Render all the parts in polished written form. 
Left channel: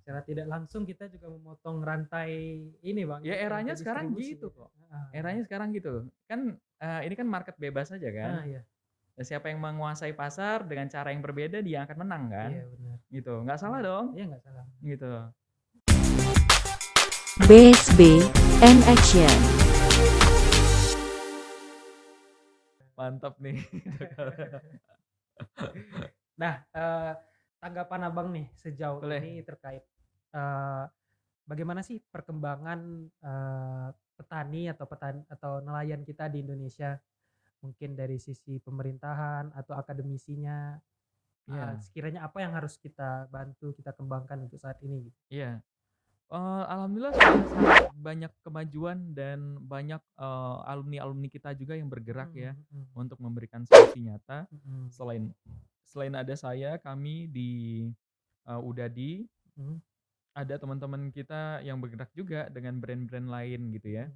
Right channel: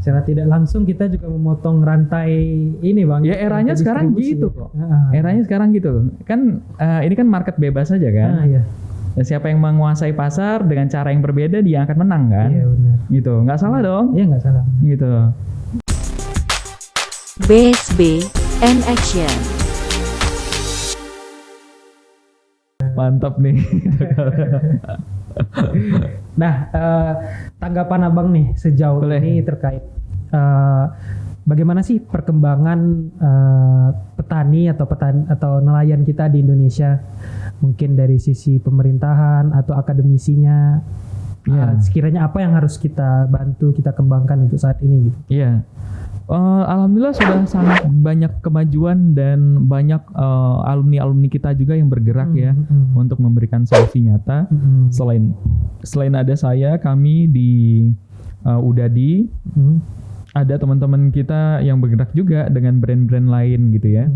Secara tidak langsung kita juga memotong rantai ini bang. Ya eranya sekarang gitu kok. Eranya sekarang gitu. Kan ini kan market bebas saja kan. Iya. Dan siapa yang menguasai pasar dengan cara yang berbeda dia akan menang kan. Iya benar. Gitu. Nggak salah dong. Iya nggak salah. Gitu. BSB and Action. Mantap nih. Nah, tanggapan abang nih sejauh ini terkait bagaimana sih perkembangan petani atau nelayan kita di Indonesia, mungkin dari sisi pemerintahan atau akademisinya, sekiranya apa yang harus kita bantu, kita kembangkan untuk saat ini gitu? Iya. Alhamdulillah sudah sangat banyak kemajuan dan banyak alumni kita juga yang bergerak ya untuk memberikan solusi nyata. Selain ada kami di Udadi, ada teman-teman kita yang bergerak juga dengan brand-brand lain gitu ya.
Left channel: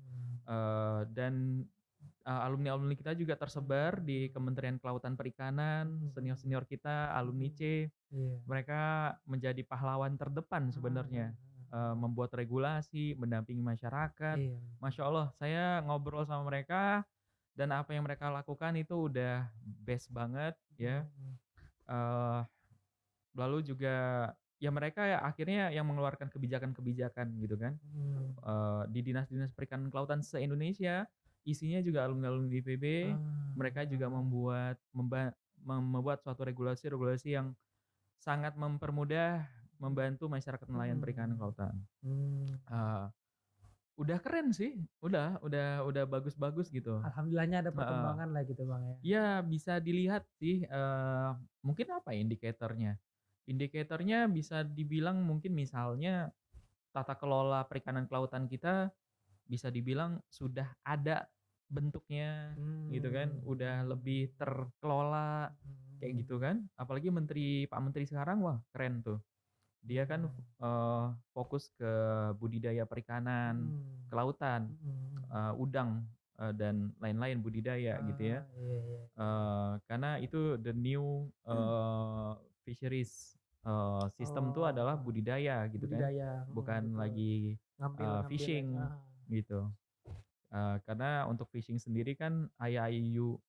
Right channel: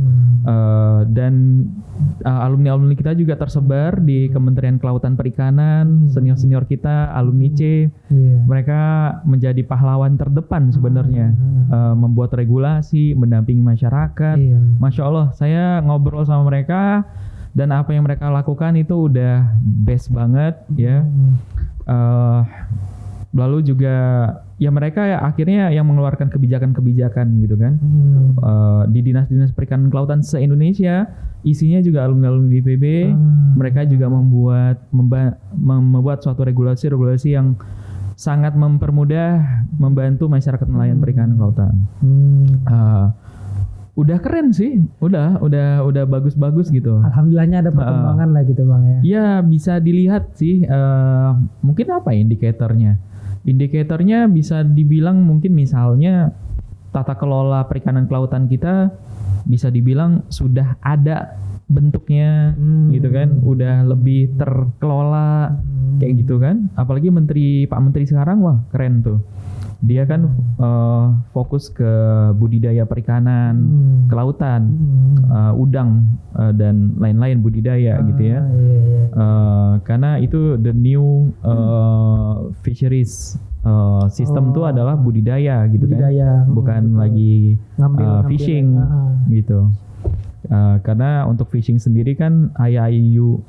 Dan alumni kita juga tersebar di Kementerian Kelautan Perikanan, senior-senior kita, alumni C. Mereka menjadi pahlawan terdepan sebenarnya, membuat regulasi, mendampingi masyarakat. Masya Allah, saya ngobrol sama mereka dan apa yang mereka lakukan itu udah best banget ya. Lalu juga ya mereka ya akhirnya yang mengeluarkan kebijakan-kebijakan gitu kan. Di dinas-dinas perikanan kelautan se-Indonesia isinya juga alumni IPB. Mereka juga membuat suatu regulasi yang sangat mempermudah, membantu masyarakat nelayan perikanan kelautan. Udah keren sih, udah bagus-bagus gitu. Alhamdulillahnya ada perkembangan lah gitu bang ya. Ya bisa dilihat sih, mungkin apa indikatornya? Indikatornya bisa dibilang mungkin misalnya tata kelola perikanan kelautan kita bisa dibilang sudah ada bentuknya gitu kan, udah lebih terkelola kayak gitu kan. Apalagi Pak Menteri sekarang wah keren tuh. Dia kan fokus ke budidaya perikanan, kelautan, udang dan lain-lain budidaya gitu ya. Karena itu the new fisheries system tuh adalah budidaya gitu kan, bukan lagi fishing gitu. Karena untuk fishing sendiri kan IIUF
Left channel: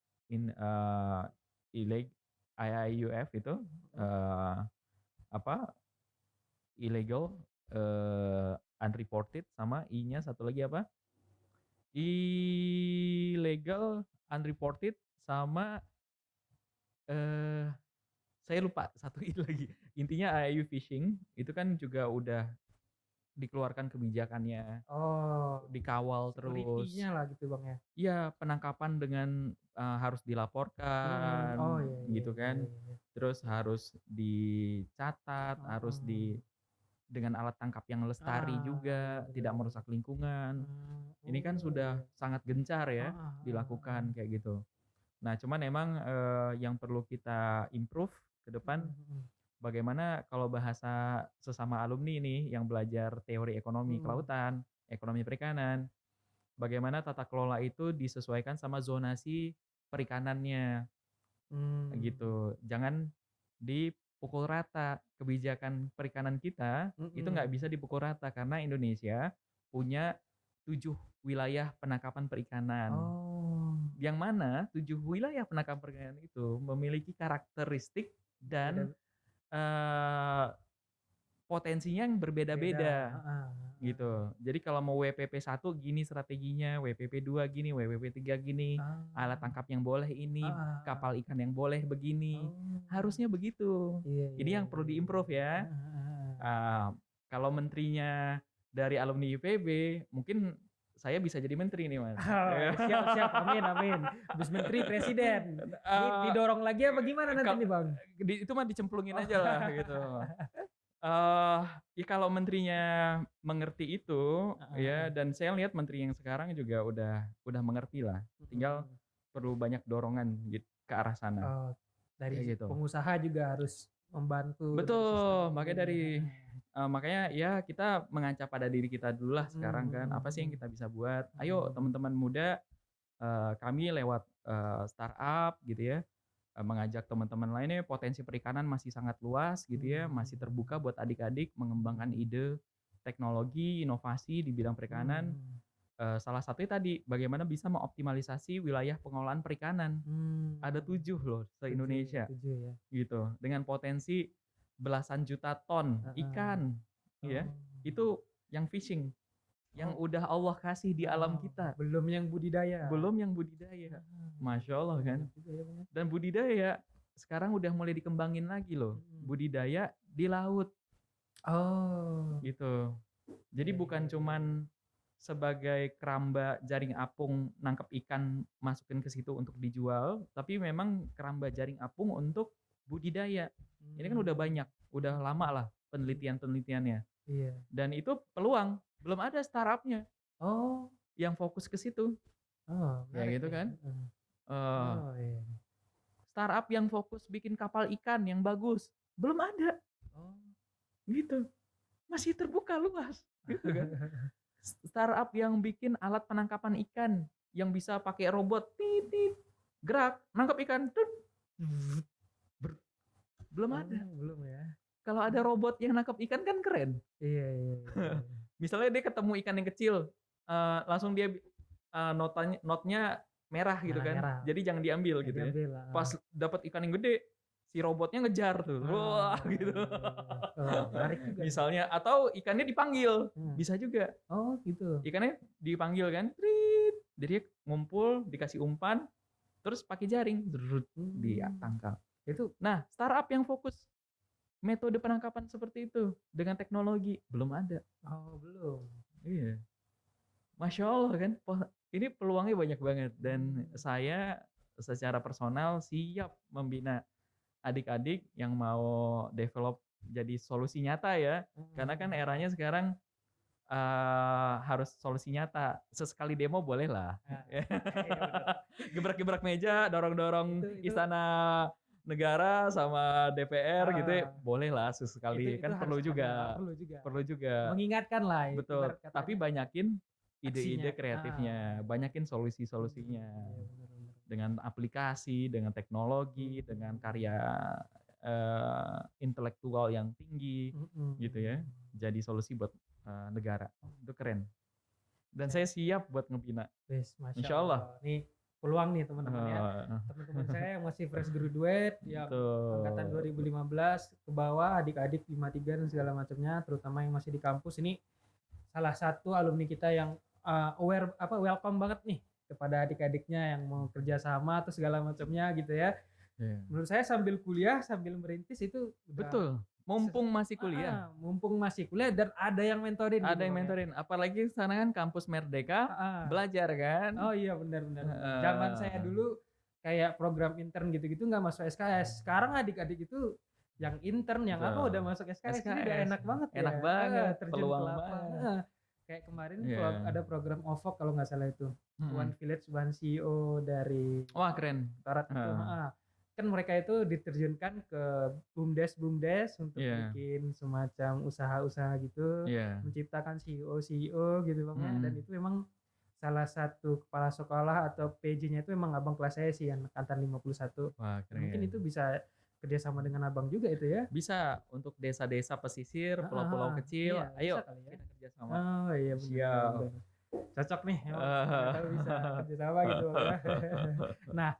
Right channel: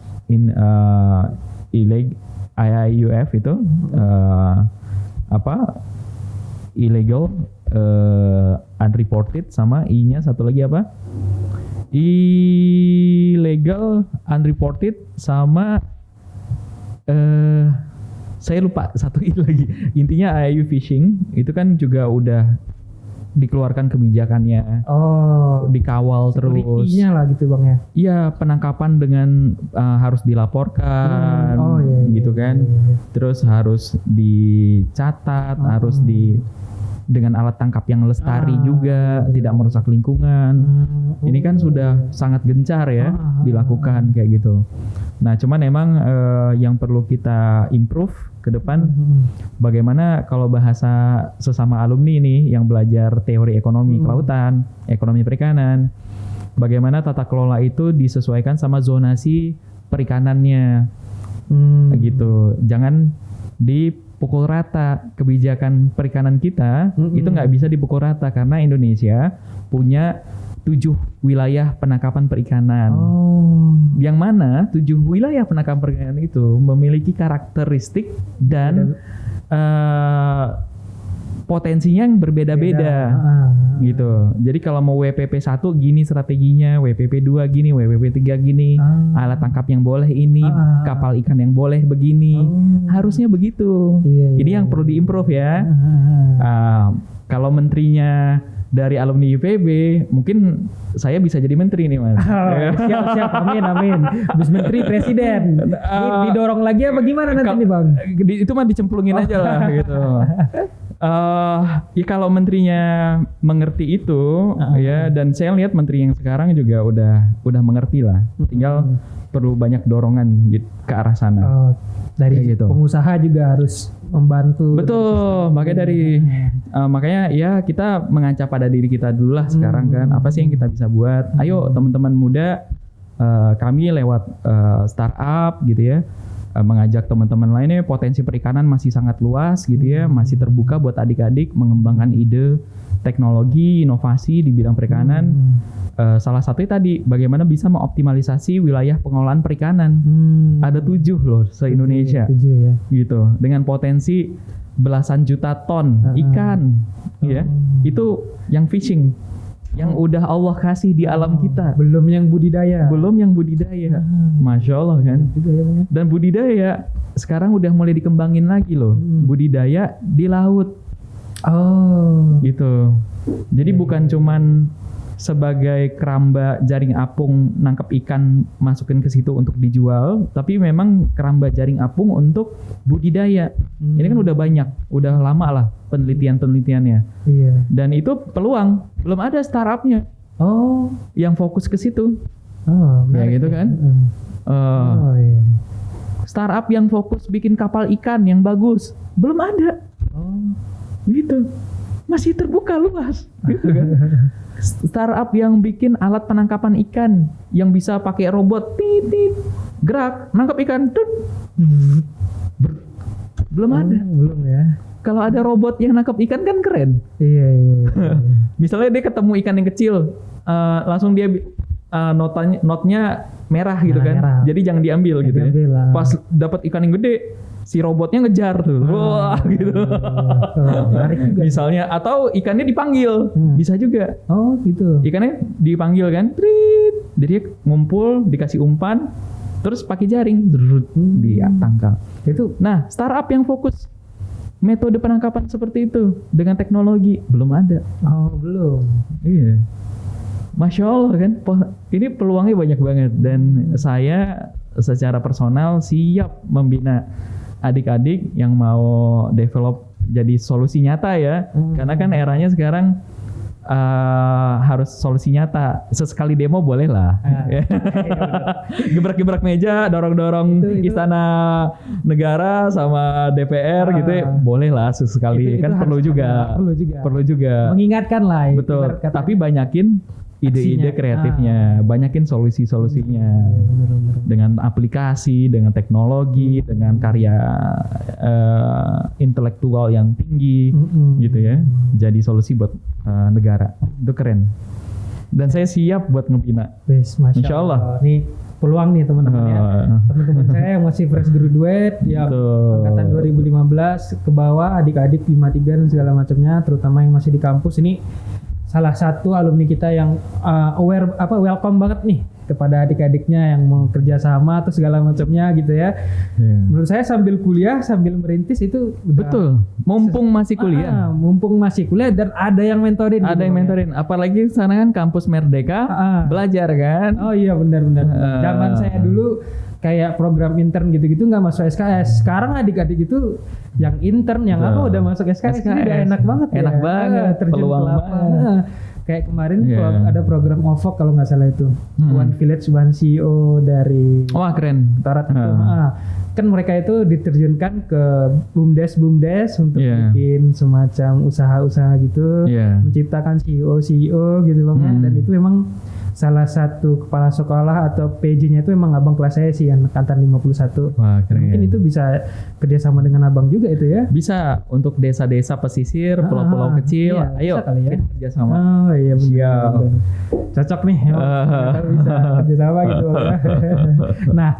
itu illegal, unreported, sama I-nya satu lagi apa? Illegal, unreported, sama saya lupa satu I lagi. Intinya IUU fishing itu kan juga udah dikeluarkan kebijakannya. Dikawal terus. Security-nya lah gitu bang ya. Iya, penangkapan dengan harus dilaporkan gitu kan. Terus harus dicatat, harus dengan alat tangkap yang lestari juga, tidak merusak lingkungan. Ini kan sudah sangat gencar ya dilakukan kayak gitu. Nah, cuman emang yang perlu kita improve ke depan, bagaimana kalau bahasa sesama alumni ini yang belajar teori ekonomi kelautan, ekonomi perikanan, bagaimana tata kelola itu disesuaikan sama zonasi perikanannya, gitu. Jangan dipukul rata. Kebijakan perikanan kita itu nggak bisa dipukul rata karena Indonesia punya 7 wilayah penangkapan perikanan. Yang mana 7 wilayah penangkapan perikanan itu memiliki karakteristik dan potensinya yang berbeda-beda gitu. Jadi kalau mau WPP 1 gini strateginya, WPP 2 gini, WPP 3 gini, alat tangkap yang boleh ini, kapal ikan yang boleh begini. Harusnya begitu. Ini yang perlu diimprove ya. Kalau menterinya dari alumni IPB, mungkin saya bisa jadi menteri nih mas. Siap, amin. Habis menteri presiden. Didorong lagi apa gimana nanti nih bang? Itu mah dicemplungin aja lah gitu. Ya kalau menterinya mengerti itu ya, dan saya lihat menteri yang sekarang juga udah mengerti lah. Tinggal perlu banyak dorongan gitu, ke arah sana. Dari gitu. Pengusaha juga harus membantu. Betul, makanya ya kita mengancap pada diri kita dulu lah sekarang kan. Apa sih yang kita bisa buat? Ayo teman-teman muda, kami lewat startup gitu ya, mengajak teman-teman lainnya, potensi perikanan masih sangat luas gitu ya, masih terbuka buat adik-adik mengembangkan ide, teknologi, inovasi di bidang perikanan. Salah satunya tadi bagaimana bisa mengoptimalisasi wilayah pengolahan perikanan. Ada 7 loh se-Indonesia 7 ya. gitu, dengan potensi belasan juta ton ikan ya. Itu yang fishing yang udah Allah kasih di alam kita. Belum yang budidaya. Masya Allah kan. Dan budidaya sekarang udah mulai dikembangin lagi loh. Budidaya di laut. Gitu. Jadi bukan cuman sebagai keramba jaring apung nangkep ikan masukin ke situ untuk dijual, tapi memang keramba jaring apung untuk budidaya. Ini kan udah banyak, udah lama lah penelitiannya. Iya. Dan itu peluang, belum ada startupnya. Yang fokus ke situ. Ya gitu kan. Iya. Startup yang fokus bikin kapal ikan yang bagus, belum ada. Gitu. Masih terbuka luas, gitu kan. Startup yang bikin alat penangkapan ikan yang bisa pakai robot, gerak, nangkap ikan, belum ada. Belum ya. Kalau ada robot yang nangkap ikan kan keren. Iya. Misalnya dia ketemu ikan yang kecil, langsung dia notnya merah gitu kan. Merah. Jadi jangan diambil gitu ya. Pas dapat ikan yang gede, si robotnya ngejar tuh, wah gitu. Menarik juga. Misalnya, atau ikannya dipanggil, bisa juga. Gitu. Ikannya dipanggil kan, jadi ngumpul, dikasih umpan, terus pakai jaring, dia tangkap. Itu. Nah, startup yang fokus metode penangkapan seperti itu dengan teknologi belum ada. Belum. Iya. Masya Allah kan, ini peluangnya banyak banget dan saya secara personal siap membina adik-adik yang mau develop jadi solusi nyata ya, karena kan eranya sekarang harus solusi nyata. Sesekali demo boleh lah, gebrak-gebrak meja, dorong-dorong itu. istana negara sama DPR gitu ya, boleh lah sesekali. Itu kan perlu juga. Mengingatkan lah. Betul. Tapi banyakin ide-ide kreatifnya, banyakin solusi-solusinya. Dengan aplikasi, dengan teknologi, dengan karya intelektual yang tinggi, gitu ya. Jadi solusi buat negara, itu keren. Dan saya siap buat ngebina. Masya Allah. Ini peluang nih teman-teman ya. Teman-teman saya yang masih fresh graduate, yang angkatan 2015 ke bawah, adik-adik 53 dan segala macamnya, terutama yang masih di kampus ini. Salah satu alumni kita yang welcome banget nih kepada adik-adiknya yang mau kerja sama atau segala macamnya gitu ya. Menurut saya sambil kuliah, sambil merintis itu betul. Mumpung masih kuliah dan ada yang mentorin. Apalagi sana kan kampus Merdeka, belajar kan. Oh iya benar-benar. Zaman saya dulu kayak program intern gitu-gitu nggak masuk SKS. Sekarang adik-adik itu yang intern, yang udah masuk SKS. Ini udah enak banget. Enak banget. Peluang banget. Kayak kemarin ada program OVOC kalau nggak salah itu. One Village One CEO dari. Wah keren. Tarat itu. Kan mereka itu diterjunkan ke BUMDes untuk bikin semacam usaha-usaha gitu, menciptakan CEO gitu bang. Dan itu memang salah satu kepala sekolah atau PJ-nya itu emang abang kelas saya sih, angkatan 51. Wah, keren. Mungkin itu bisa kerjasama dengan abang juga itu ya? Bisa, untuk desa-desa pesisir, pulau-pulau kecil, ayo kita kerjasama. Iya benar. Cocok nih, kita bisa kerjasama gitu. Nah,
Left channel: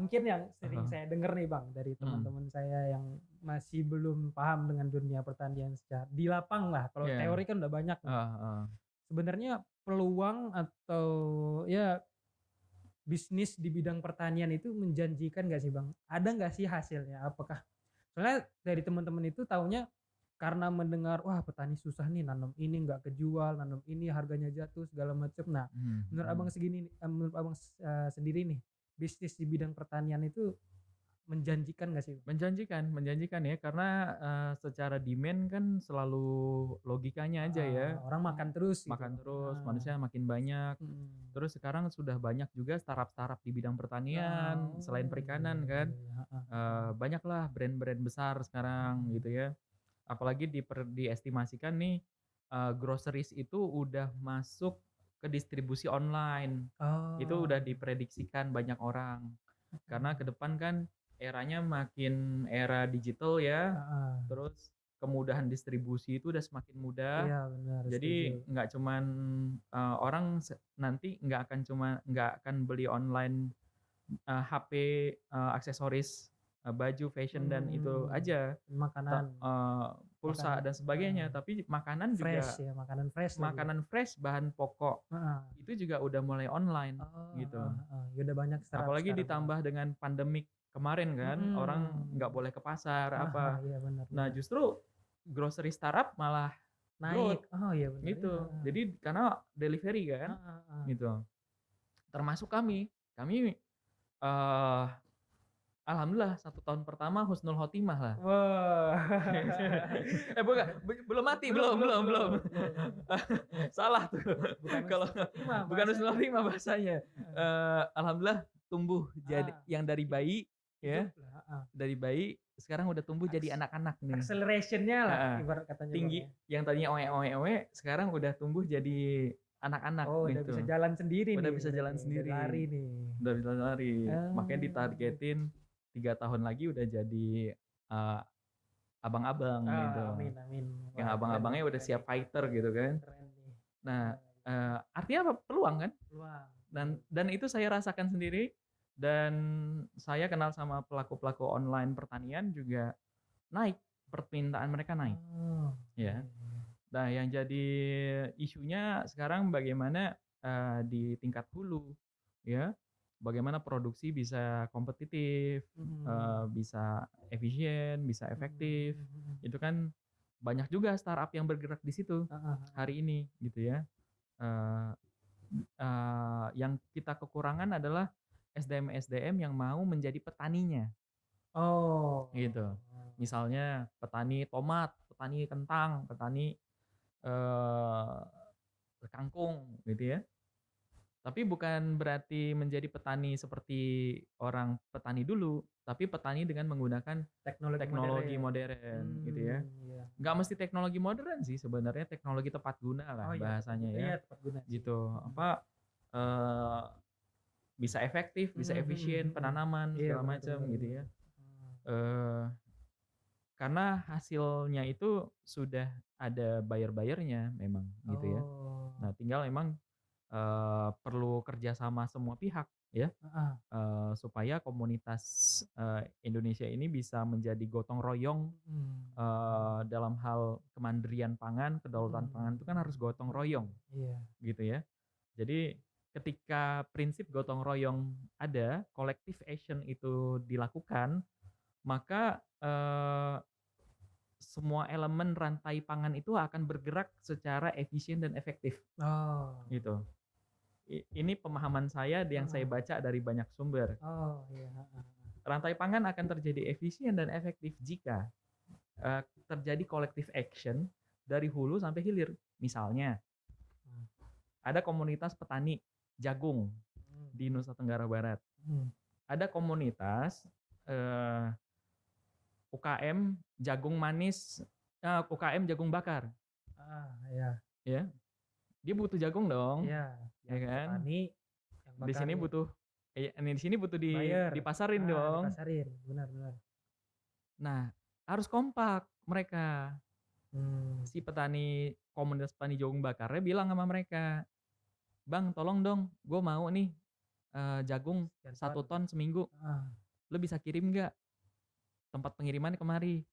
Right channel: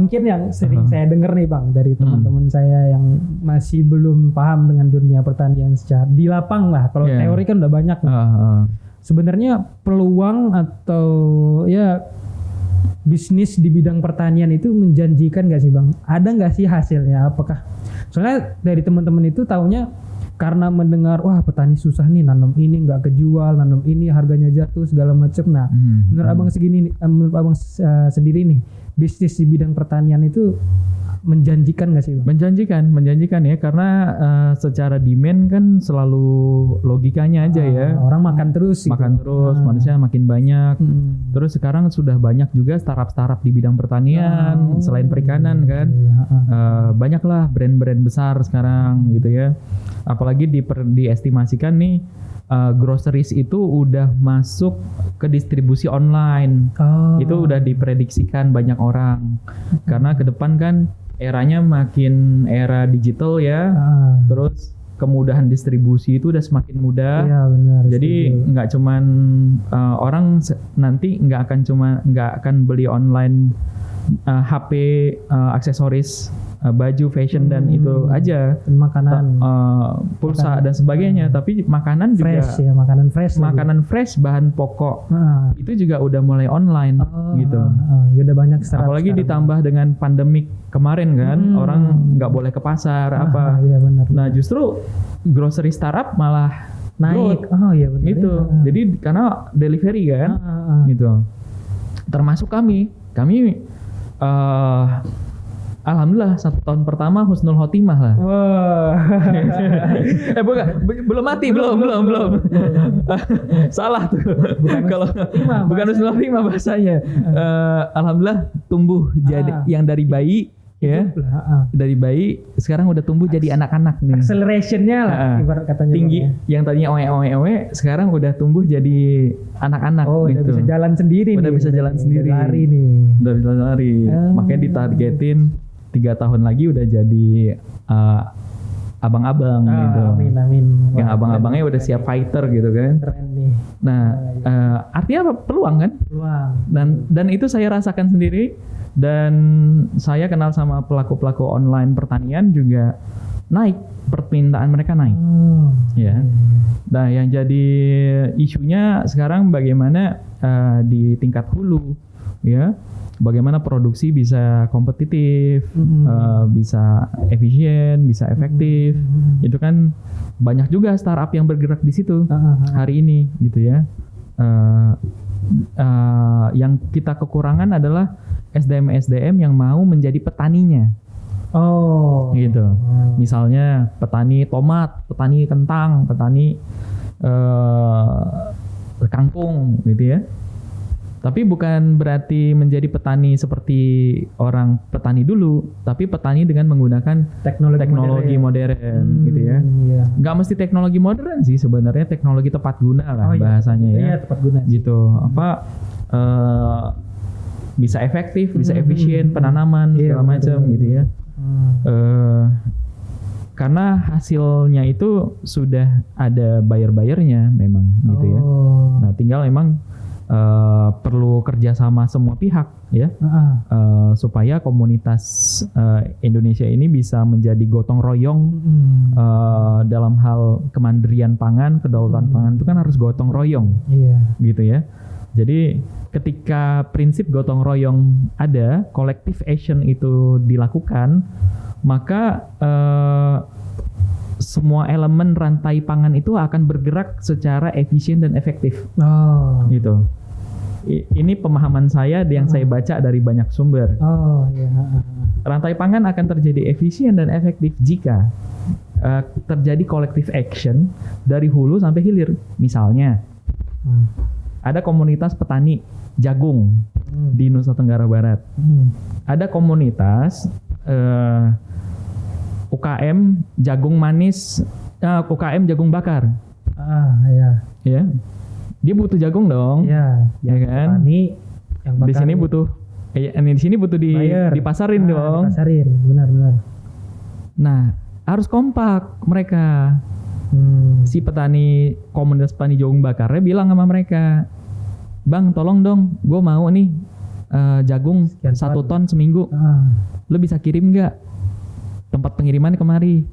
mungkin yang sering saya dengar nih bang dari teman-teman saya yang masih belum paham dengan dunia pertanian secara di lapang lah. Kalau teori kan udah banyak. Sebenarnya peluang atau ya bisnis di bidang pertanian itu menjanjikan nggak sih bang? Ada nggak sih hasilnya? Apakah soalnya dari teman-teman itu taunya karena mendengar wah petani susah nih nanam ini nggak kejual, nanam ini harganya jatuh segala macam. Nah, menurut abang menurut abang sendiri nih bisnis di bidang pertanian itu menjanjikan nggak sih bang? Menjanjikan ya, karena secara demand kan selalu logikanya aja ya. Orang makan terus manusia makin banyak. Terus sekarang sudah banyak juga startup di bidang pertanian selain perikanan kan. Banyaklah brand-brand besar sekarang gitu ya. Apalagi diestimasikan nih groceries itu udah masuk ke distribusi online. Itu udah diprediksikan banyak orang. Karena ke depan kan eranya makin era digital ya. Terus kemudahan distribusi itu udah semakin mudah. Iya benar. Jadi nggak cuman orang nanti nggak akan beli online HP, aksesoris, baju, fashion dan itu aja. Makanan, pulsa dan sebagainya. Tapi makanan juga fresh ya, makanan fresh. Bahan pokok itu juga udah mulai online gitu. Ya udah banyak Apalagi ditambah dengan pandemik kemarin kan, orang nggak boleh ke pasar Iya benar. Nah justru grocery startup malah naik. growth. Iya benar. Gitu. Jadi karena delivery kan, gitu. Termasuk kami alhamdulillah 1 tahun pertama husnul khotimah lah. Wah. Belum mati, belum. Salah tuh. Bukan husnul khotimah bahasanya. Alhamdulillah tumbuh jadi yang dari bayi ya. Dari bayi sekarang udah tumbuh jadi anak-anak nih. Accelerationnya lah ibarat katanya. Tinggi. Yang tadinya oe sekarang udah tumbuh jadi anak-anak gitu. Udah bisa jalan sendiri udah nih. bisa jalan sendiri. Lari nih. Udah bisa lari. Makanya ditargetin 3 tahun lagi udah jadi abang-abang gitu. Amin. Yang abang-abangnya udah siap fighter gitu kan. Keren nih. Nah, artinya apa? Peluang kan? Peluang. Dan itu saya rasakan sendiri, dan saya kenal sama pelaku-pelaku online pertanian juga naik, permintaan mereka naik. Ya. Nah, yang jadi isunya sekarang bagaimana di tingkat hulu ya. Bagaimana produksi bisa kompetitif, bisa efisien, bisa efektif. Itu kan banyak juga startup yang bergerak di situ hari ini gitu ya. Yang kita kekurangan adalah SDM yang mau menjadi petaninya. Gitu. Misalnya petani tomat, petani kentang, petani kangkung gitu ya. Tapi bukan berarti menjadi petani seperti orang petani dulu, tapi petani dengan menggunakan teknologi modern gitu ya. Iya. Nggak mesti teknologi modern sih sebenarnya, teknologi tepat guna lah bahasanya ya. Iya, tepat guna. Gitu. Bisa efektif, bisa efisien penanaman segala macam gitu ya. Karena hasilnya itu sudah ada buyer-buyernya memang gitu ya. Nah, tinggal memang perlu kerjasama semua pihak ya, supaya komunitas Indonesia ini bisa menjadi gotong royong dalam hal kemandirian pangan, kedaulatan pangan itu kan harus gotong royong, gitu ya. Jadi ketika prinsip gotong royong ada, collective action itu dilakukan, maka semua elemen rantai pangan itu akan bergerak secara efisien dan efektif. Gitu. Ini pemahaman saya yang saya baca dari banyak sumber. Rantai pangan akan terjadi efisien dan efektif jika terjadi collective action dari hulu sampai hilir. Misalnya, ada komunitas petani jagung di Nusa Tenggara Barat. Ada komunitas UKM jagung manis, UKM jagung bakar. Ya. Dia butuh jagung dong. Ya kan? Petani yang bakar. Di sini butuh di sini butuh dipasarin dong. Dipasarin, benar. Nah, harus kompak mereka. Si petani, komunitas petani jagung bakarnya bilang sama mereka, "Bang, tolong dong, gue mau nih jagung 1 ton seminggu. Lo bisa kirim nggak? Tempat pengiriman kemari."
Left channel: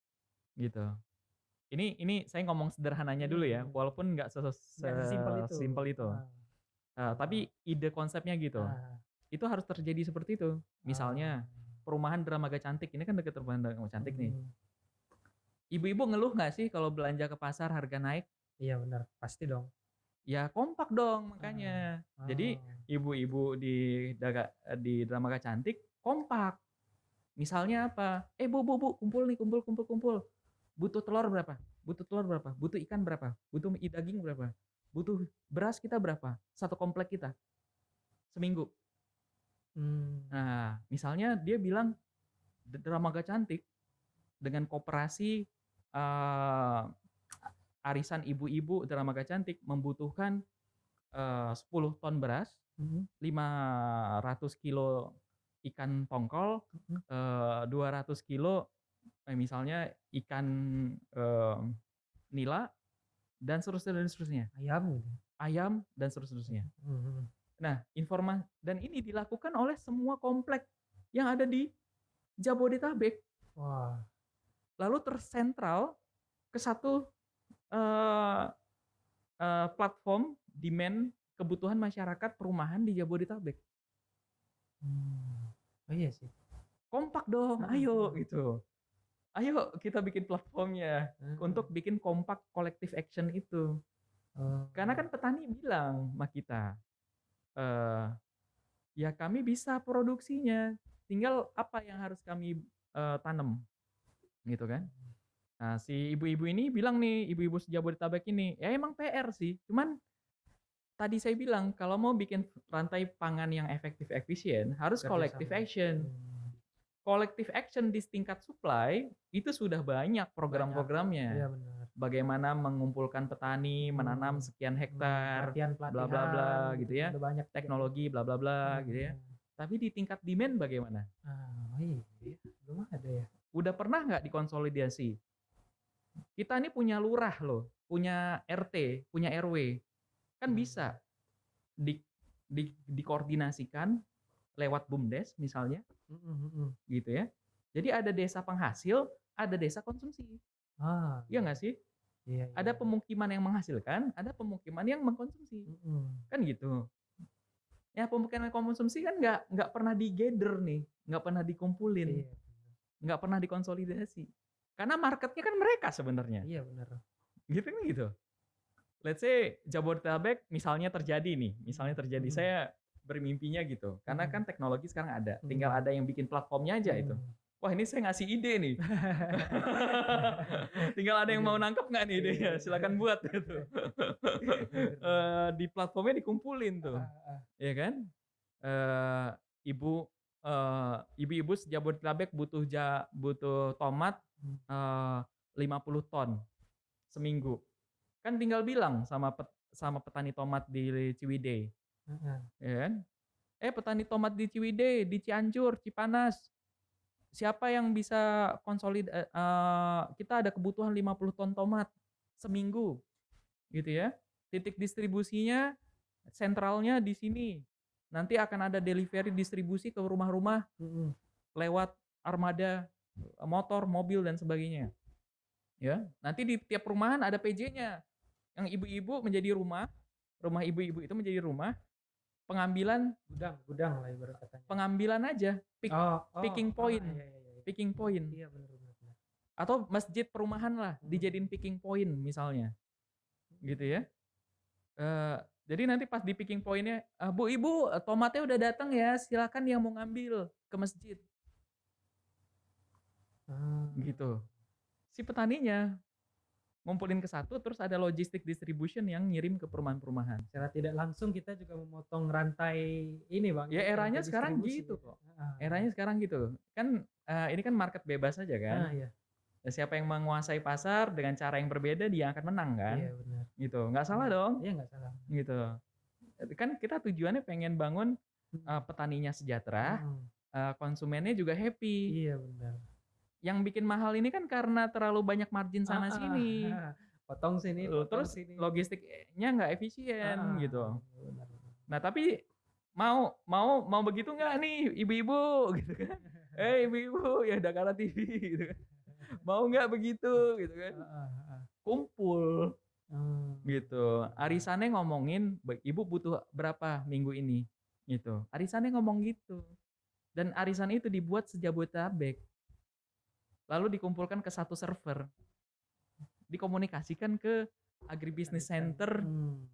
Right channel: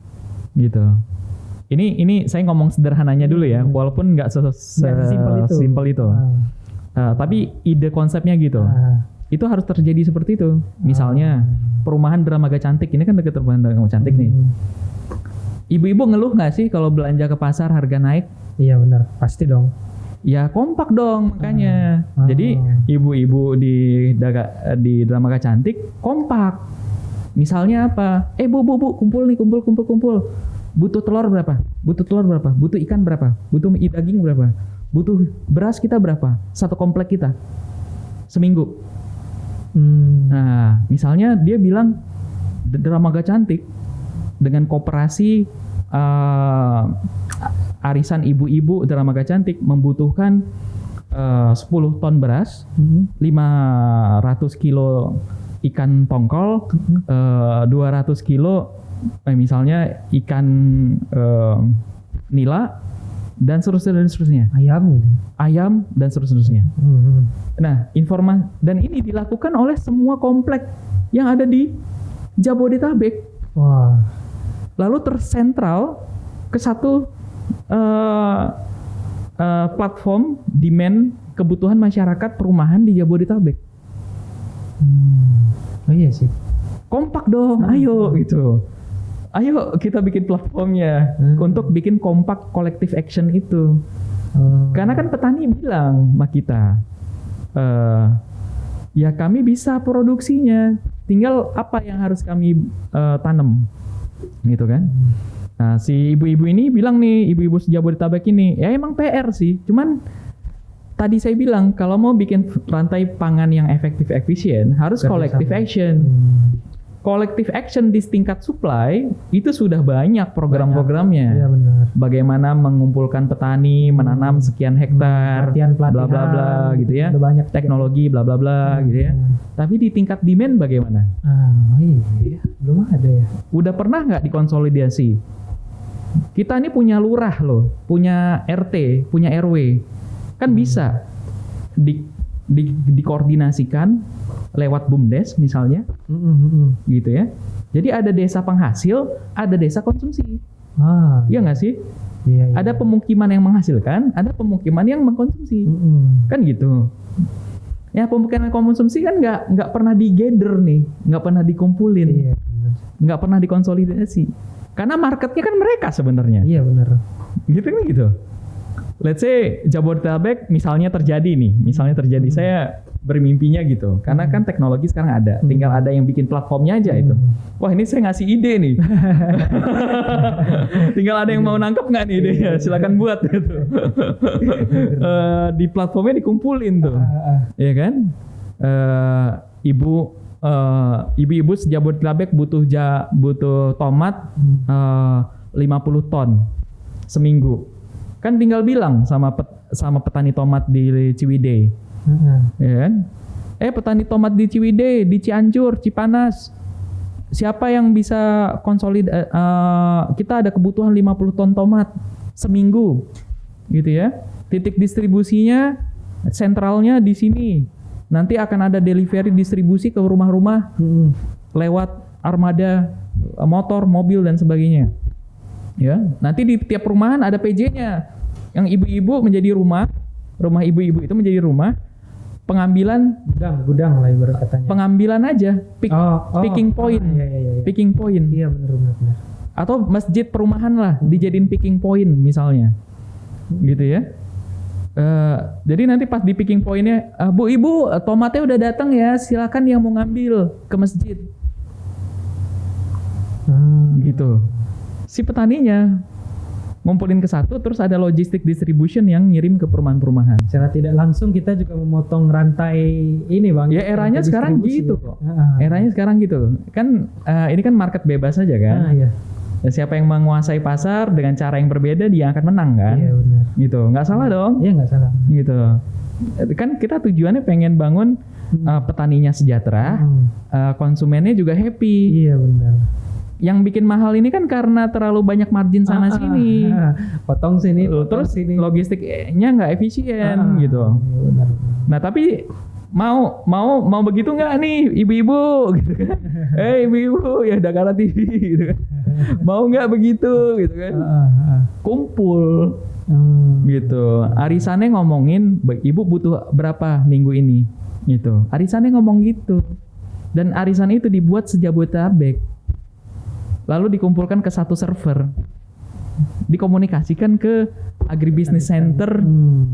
Gitu. Ini saya ngomong sederhananya dulu ya, walaupun nggak sesimpel itu. Tapi ide konsepnya gitu. Itu harus terjadi seperti itu. Misalnya perumahan Dramaga Cantik, ini kan dekat perumahan Dramaga Cantik nih. Ibu-ibu ngeluh nggak sih kalau belanja ke pasar harga naik? Iya benar, pasti dong. Ya kompak dong makanya. Jadi ibu-ibu di Dramaga Cantik kompak. Misalnya apa? Bu, kumpul nih, kumpul. Butuh telur berapa? Butuh ikan berapa? Butuh daging berapa? Butuh beras kita berapa? 1 komplek kita seminggu. Nah, misalnya dia bilang Dramaga Cantik dengan koperasi arisan ibu-ibu Dramaga Cantik membutuhkan 10 ton beras, 500 kilo ikan tongkol 200 kilo, misalnya ikan nila dan seterusnya. Ayam dan seterusnya. Nah, informasi dan ini dilakukan oleh semua komplek yang ada di Jabodetabek. Wah. Lalu tersentral ke satu platform demand kebutuhan masyarakat perumahan di Jabodetabek. Oh iya sih. Kompak dong, ayo gitu. Ayo kita bikin platformnya untuk bikin kompak collective action itu. Karena kan petani bilang sama kita, ya kami bisa produksinya, tinggal apa yang harus kami tanam, gitu kan? Nah, si ibu-ibu ini bilang nih, ibu-ibu Jabodetabek ini, ya emang PR sih, cuman tadi saya bilang kalau mau bikin rantai pangan yang efektif efisien harus collective action. Collective action di tingkat supply itu sudah banyak program-programnya. Iya benar. Bagaimana mengumpulkan petani, menanam sekian hektar, bla bla bla gitu ya. Banyak teknologi bla bla bla gitu ya. Tapi di tingkat demand bagaimana? Iya, belum ada ya. Udah pernah nggak dikonsolidasi? Kita ini punya lurah loh, punya RT, punya RW. Kan bisa dikoordinasikan lewat BUMDes misalnya, gitu ya. Jadi ada desa penghasil, ada desa konsumsi. Iya nggak sih? Iya. Ada pemukiman yang menghasilkan, ada pemukiman yang mengkonsumsi, kan gitu. Ya pemukiman konsumsi kan nggak pernah digather nih, nggak pernah dikumpulin, nggak pernah dikonsolidasi. Karena marketnya kan mereka sebenarnya. Iya benar. Gitu kan gitu. Let's say Jabodetabek misalnya terjadi, saya bermimpinya gitu, karena kan teknologi sekarang ada, tinggal ada yang bikin platformnya aja itu. Wah ini saya ngasih ide nih, tinggal ada yang mau nangkep nggak nih idenya, silakan buat gitu. Di platformnya dikumpulin tuh, ya kan? Ibu-ibu Jabodetabek butuh tomat 50 ton seminggu, kan tinggal bilang sama petani tomat di Ciwidey. Ya kan? Petani tomat di Ciwidey, di Cianjur, Cipanas, siapa yang bisa kita ada kebutuhan 50 ton tomat seminggu, gitu ya. Titik distribusinya, sentralnya di sini. Nanti akan ada delivery distribusi ke rumah-rumah lewat armada motor, mobil dan sebagainya. Ya, nanti di tiap perumahan ada PJ-nya. Yang ibu-ibu menjadi rumah ibu-ibu itu menjadi rumah. Pengambilan gudang lah ibarat katanya. Pengambilan aja, picking point. Iya. Picking point. Iya benar. Atau masjid perumahan lah dijadiin picking point misalnya. Gitu ya. Jadi nanti pas di picking pointnya, Bu Ibu tomatnya udah datang ya, silakan yang mau ngambil ke masjid. Gitu. Si petaninya ngumpulin ke satu, terus ada logistik distribution yang ngirim ke perumahan-perumahan. Secara tidak langsung kita juga memotong rantai ini bang. Ya eranya sekarang gitu kok. Eranya sekarang gitu. Kan ini kan market bebas aja kan. Iya. Ya, siapa yang menguasai pasar dengan cara yang berbeda dia akan menang kan. Iya benar. Gitu. Nggak salah dong. Iya nggak salah. Gitu. Kan kita tujuannya pengen bangun petaninya sejahtera, konsumennya juga happy. Iya benar. Yang bikin mahal ini kan karena terlalu banyak margin sana sini, potong sini, terus sini. Logistiknya nggak efisien gitu. Benar. Nah tapi mau begitu nggak nih ibu-ibu gitu kan? Ibu-ibu ya Dakara TV gitu kan? Mau nggak begitu gitu kan? Kumpul gitu. Arisannya ngomongin ibu butuh berapa minggu ini gitu. Arisannya ngomong gitu. Dan arisan itu dibuat sejabodetabek. Lalu dikumpulkan ke satu server, dikomunikasikan ke agribusiness center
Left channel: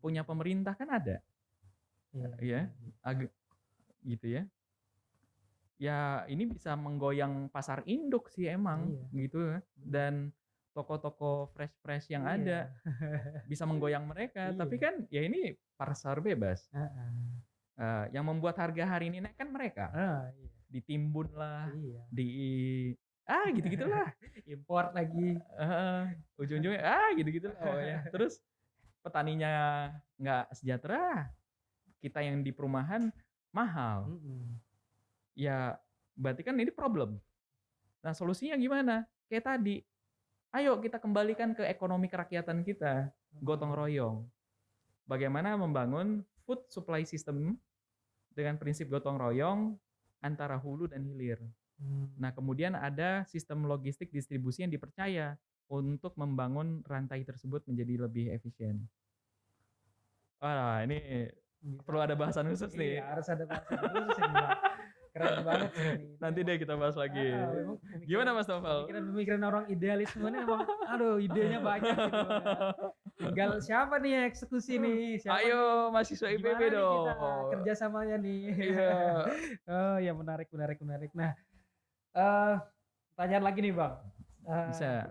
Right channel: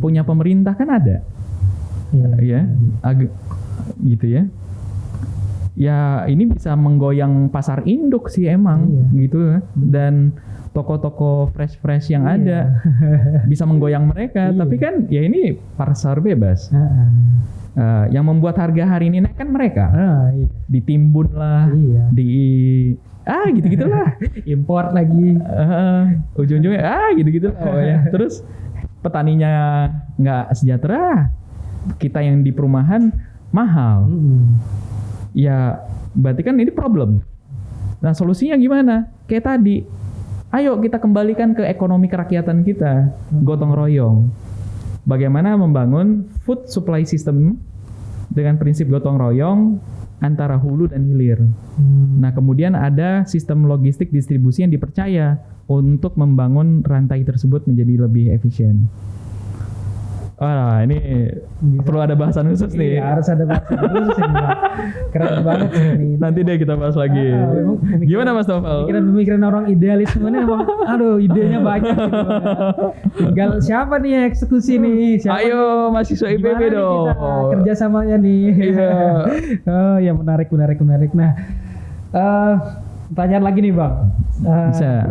punya pemerintah kan ada, ya, gitu ya. Ya ini bisa menggoyang pasar induk sih emang, gitu. Dan toko-toko fresh yang ada bisa menggoyang mereka. Tapi kan ya ini pasar bebas. Yang membuat harga hari ini naik kan mereka, ditimbun lah, gitu-gitulah. Import lagi. Ujung-ujungnya gitu-gitu lah ya. Terus petaninya nggak sejahtera, kita yang di perumahan mahal. Ya berarti kan ini problem. Nah solusinya gimana? Kayak tadi, ayo kita kembalikan ke ekonomi kerakyatan kita, gotong royong. Bagaimana membangun food supply system dengan prinsip gotong royong antara hulu dan hilir. Nah kemudian ada sistem logistik distribusi yang dipercaya untuk membangun rantai tersebut menjadi lebih efisien. Wah ini perlu ada bahasan khusus nih. Iya, harus ada bahasan khusus ini, Bang. Keren banget sih ini. Nanti deh kita bahas lagi. Gimana Mas Novel? Pemikiran orang idealis sebenarnya emang, aduh idenya banyak gitu. Bang. Tinggal siapa nih yang eksekusi nih? Siapa Ayo mahasiswa IPB gimana nih dong. kita kerjasamanya nih? Iya. Oh ya menarik. Nah, pertanyaan lagi nih Bang. Bisa.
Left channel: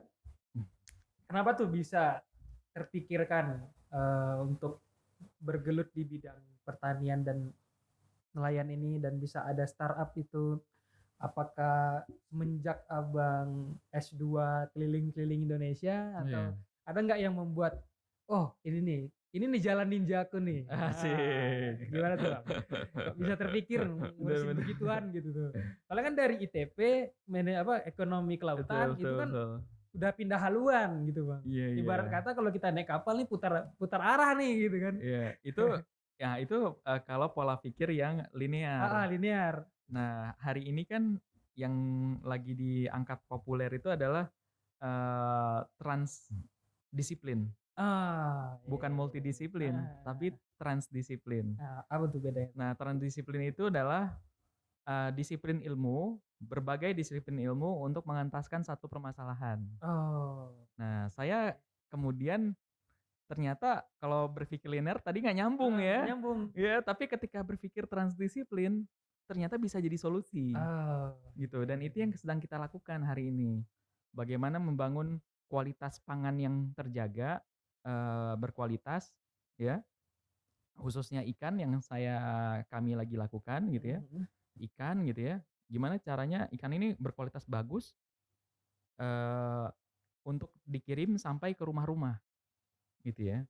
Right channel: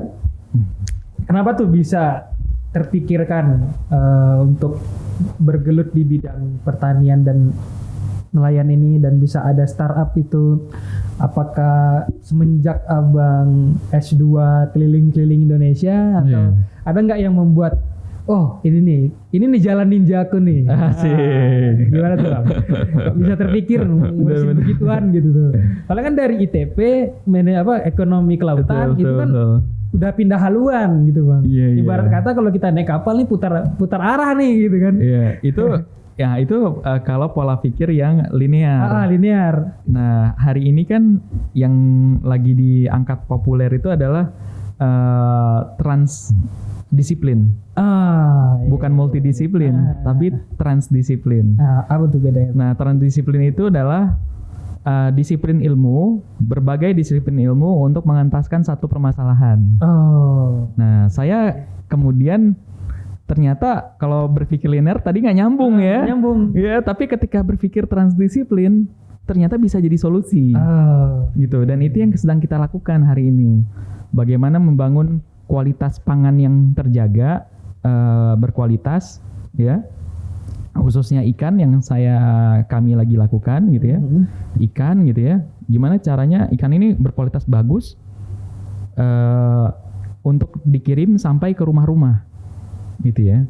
Kenapa tuh bisa terpikirkan untuk bergelut di bidang pertanian dan nelayan ini dan bisa ada startup itu? Apakah semenjak Abang S2 keliling-keliling Indonesia atau ada nggak yang membuat ini nih jalan ninjaku nih? Asik. Gimana tuh Bang? Kok bisa terpikir ngurusin begituan gitu tuh? Soalnya kan dari ITP ekonomi kelautan gitu kan udah pindah haluan gitu Bang. Iya. Ibarat kata kalau kita naik kapal nih putar arah nih gitu kan. Iya, itu kalau pola pikir yang linear. Linear. Nah, hari ini kan yang lagi diangkat populer itu adalah transdisiplin. Bukan multidisiplin, tapi transdisiplin. Apa tuh bedanya? Nah, transdisiplin itu adalah disiplin ilmu, berbagai disiplin ilmu untuk mengentaskan satu permasalahan. Nah, saya kemudian ternyata kalau berpikir linear tadi nggak nyambung ya. Nyambung. Ya, tapi ketika berpikir transdisiplin ternyata bisa jadi solusi. Gitu. Dan itu yang sedang kita lakukan hari ini. Bagaimana membangun kualitas pangan yang terjaga, berkualitas, ya. Khususnya ikan yang kami lagi lakukan gitu ya. Ikan gitu ya. Gimana caranya ikan ini berkualitas bagus untuk dikirim sampai ke rumah-rumah gitu ya.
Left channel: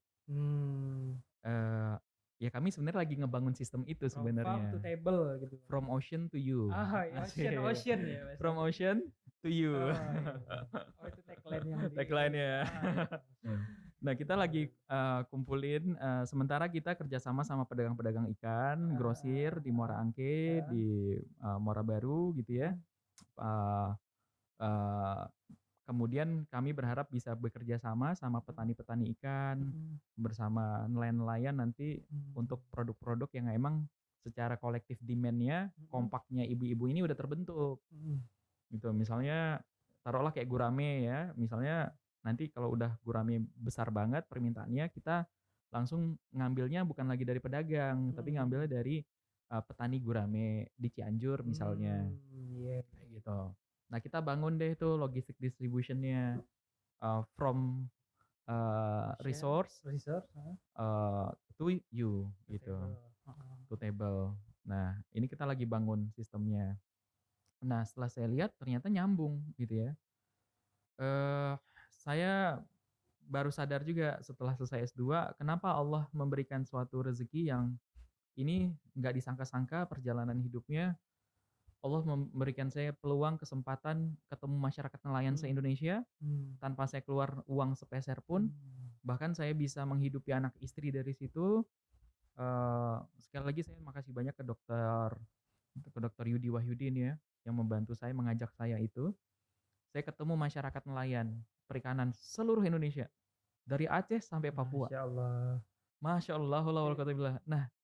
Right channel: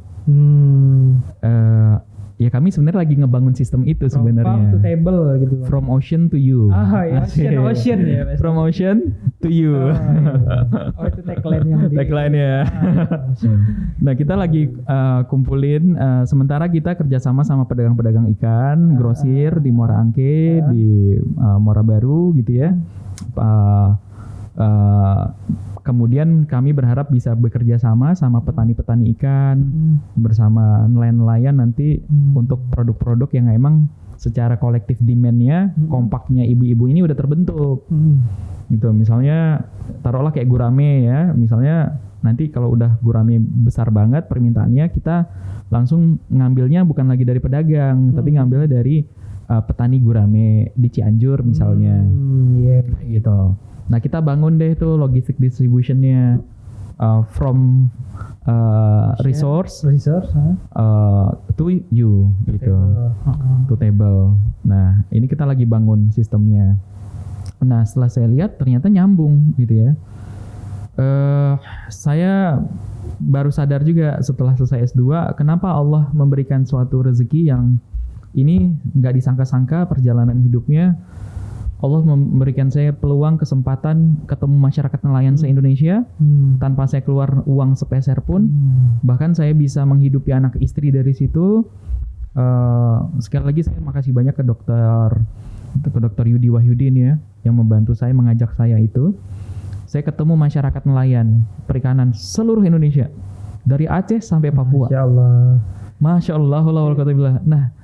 Ya kami sebenarnya lagi ngebangun sistem itu sebenarnya. From farm to table gitu. From ocean to you. Ocean ya. From ocean to you. Itu tagline-nya. Tagline-nya. Nah kita lagi kumpulin. Sementara kita kerjasama sama pedagang-pedagang ikan, grosir di Muara Angke, di Muara Baru gitu ya. Kemudian kami berharap bisa bekerja sama petani-petani ikan, bersama nelayan-nelayan nanti untuk produk-produk yang emang secara kolektif demand-nya, kompaknya ibu-ibu ini udah terbentuk. Gitu. Misalnya taruhlah kayak gurame ya, misalnya nanti kalau udah gurame besar banget permintaannya, kita langsung ngambilnya bukan lagi dari pedagang, tapi ngambilnya dari petani gurame di Cianjur misalnya. Gitu. Nah kita bangun deh tuh logistik distributionnya from resource to you gitu, to table. Nah ini kita lagi bangun sistemnya. Nah setelah saya lihat ternyata nyambung gitu ya. Saya baru sadar juga setelah selesai S2 kenapa Allah memberikan suatu rezeki yang ini nggak disangka-sangka perjalanan hidupnya. Allah memberikan saya peluang kesempatan ketemu masyarakat nelayan se-Indonesia tanpa saya keluar uang sepeser pun. Bahkan saya bisa menghidupi anak istri dari situ. Sekali lagi saya makasih banyak ke dokter Yudi Wahyudin ya yang membantu saya, mengajak saya itu. Saya ketemu masyarakat nelayan perikanan seluruh Indonesia dari Aceh sampai Papua. Masya Allah. Nah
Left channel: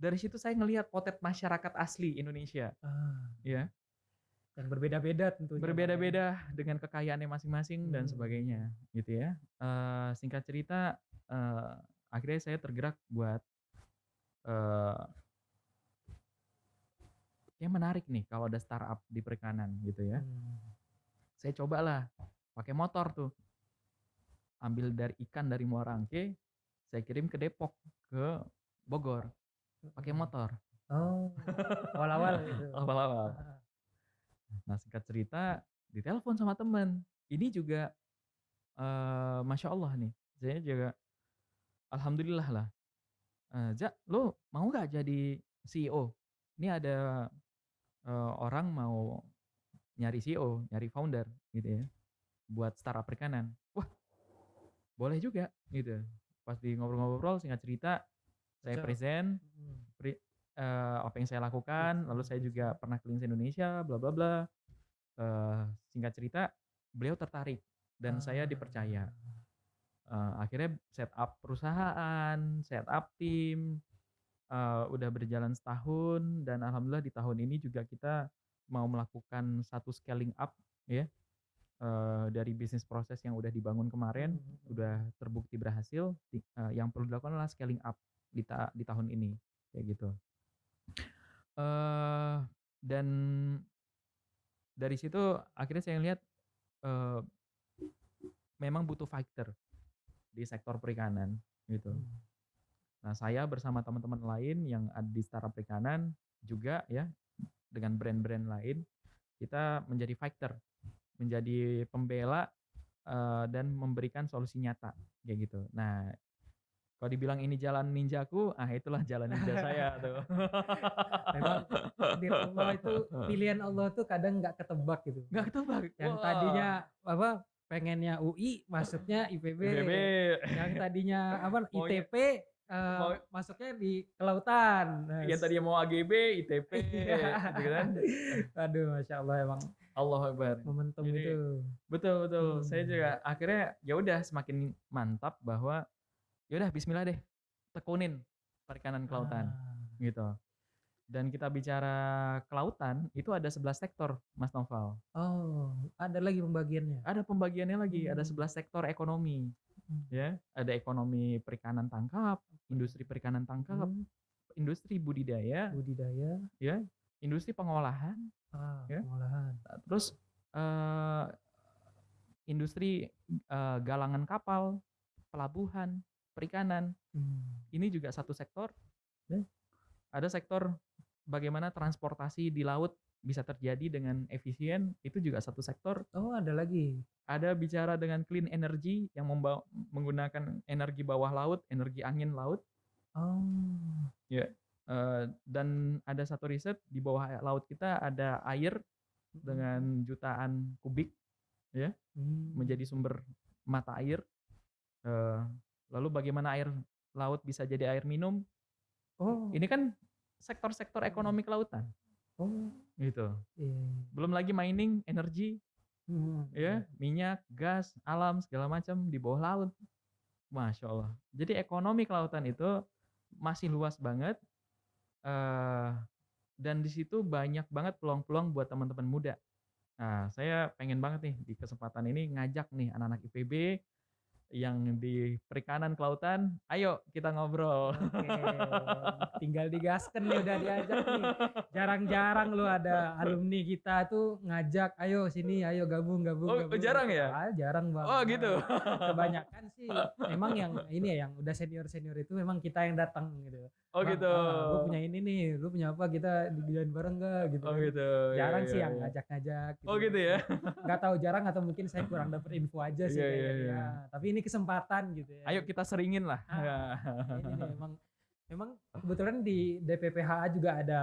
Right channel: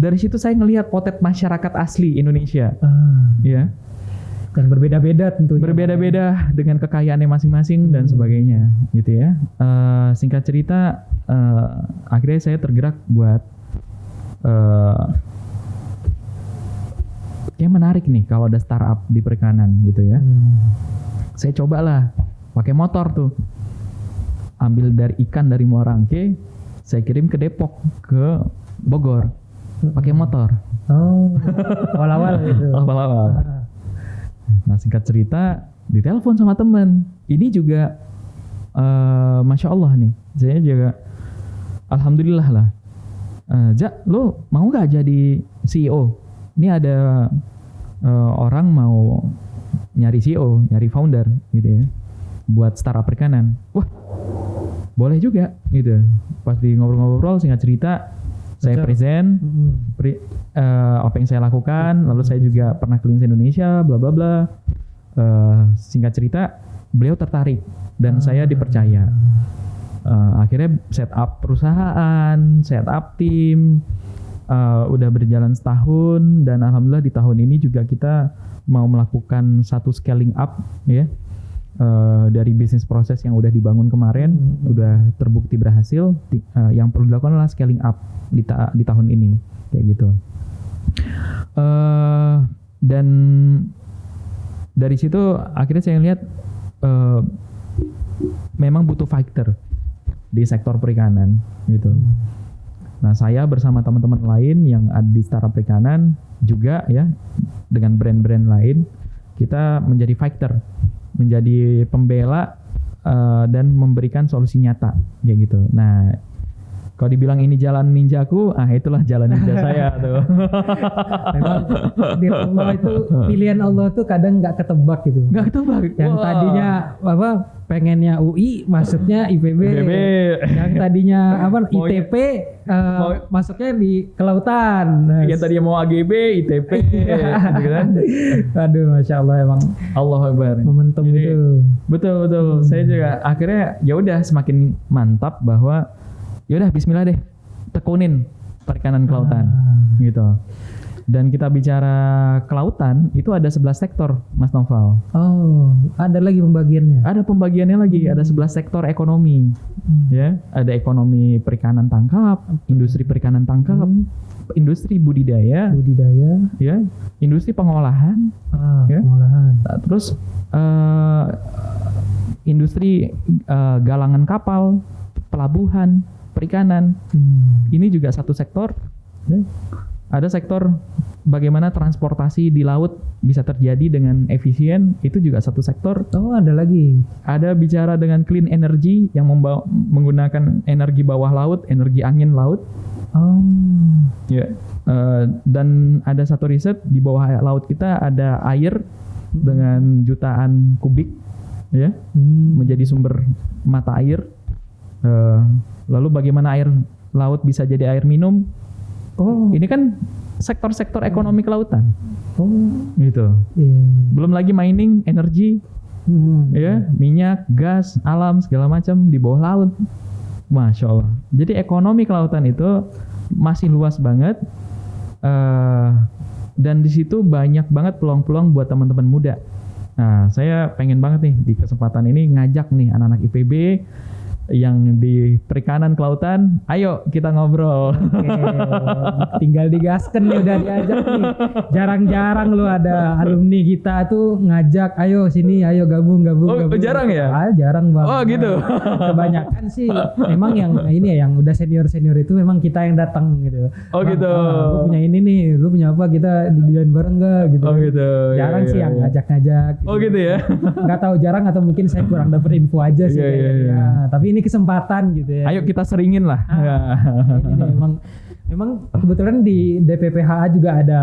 dari situ saya ngelihat potret masyarakat asli Indonesia, ya, dan berbeda-beda tentunya. Berbeda-beda dengan kekayaannya masing-masing dan sebagainya, gitu ya. Singkat cerita, akhirnya saya tergerak buat, kayak menarik nih kalau ada startup di perikanan, gitu ya. Saya cobalah pakai motor tuh, ambil dari ikan dari Muara Angke, saya kirim ke Depok, ke Bogor. Pakai motor. Awal-awal gitu. Awal-awal. Nah singkat cerita ditelepon sama teman. Ini juga Masya Allah nih. Saya juga Alhamdulillah lah. Jak, lo mau gak jadi CEO? Ini ada orang mau nyari CEO, nyari founder gitu ya, buat startup perikanan. Wah, boleh juga gitu. Pas di ngobrol-ngobrol singkat cerita, saya present apa yang saya lakukan, lalu saya juga pernah keliling Indonesia, bla bla bla. Singkat cerita, beliau tertarik dan saya dipercaya. Akhirnya set up perusahaan, set up tim, udah berjalan setahun dan alhamdulillah di tahun ini juga kita mau melakukan satu scaling up ya. Dari bisnis proses yang udah dibangun kemarin udah terbukti berhasil, yang perlu dilakukan adalah scaling up di tahun ini kayak gitu. Dan dari situ akhirnya saya lihat memang butuh fighter di sektor perikanan gitu. Nah, saya bersama teman-teman lain yang ada di startup perikanan juga ya, dengan brand-brand lain, kita menjadi fighter, menjadi pembela dan memberikan solusi nyata kayak gitu. Nah, kalau dibilang ini jalan ninjaku, itulah jalan ninja saya tuh. Memang di Allah itu, pilihan Allah tuh kadang nggak ketebak gitu. Nggak ketebak. Yang tadinya pengennya UI, masuknya IPB. Yang tadinya ITP, masuknya di kelautan. Yang tadinya mau AGB, ITP, gitu kan. Aduh, masya Allah emang. Allahu Akbar. Momentum itu. Betul. Saya juga akhirnya ya udah semakin mantap bahwa yaudah bismillah deh, tekunin perikanan kelautan gitu. Dan kita bicara kelautan itu ada 11 sektor, Mas Noval. Oh, ada lagi pembagiannya? Ada pembagiannya lagi, ada 11 sektor ekonomi. Ya, ada ekonomi perikanan tangkap, industri perikanan tangkap, industri budidaya, ya, industri pengolahan, ya. Pengolahan. Terus industri galangan kapal, pelabuhan, perikanan. Ini juga satu sektor. Ada sektor bagaimana transportasi di laut bisa terjadi dengan efisien, itu juga satu sektor. Oh, ada lagi. Ada bicara dengan clean energy yang menggunakan energi bawah laut, energi angin laut. Oh. Ya. Dan ada satu riset di bawah laut kita ada air dengan jutaan kubik, ya, menjadi sumber mata air. Lalu bagaimana air laut bisa jadi air minum? Oh, ini kan sektor-sektor ekonomi kelautan. Oh, gitu. Belum lagi mining, energi, ya, minyak, gas, alam segala macam di bawah laut. Masya Allah. Jadi ekonomi kelautan itu masih luas banget, dan di situ banyak banget peluang-peluang buat teman-teman muda. Nah, saya pengen banget nih di kesempatan ini ngajak nih anak-anak IPB yang di perikanan kelautan, ayo kita ngobrol. Oke, tinggal digaskan nih, udah diajak nih. Jarang-jarang lu ada alumni kita tuh ngajak, ayo sini, ayo gabung. Oh, jarang ya? Jarang banget. Oh, gitu. Kebanyakan sih memang yang ini ya, yang udah senior itu memang kita yang datang gitu. Oh, Bang, gitu. Lu punya ini nih, lu punya apa, kita dibilain bareng enggak gitu. Oh, gitu. Jarang sih yang ngajak-ngajak. Gitu. Oh, gitu ya. Nggak tahu, jarang atau mungkin saya kurang dapet info aja sih. Iya. Tapi ini kesempatan gitu ya. Ayo kita seringin lah. Ini memang kebetulan di DPPHA juga ada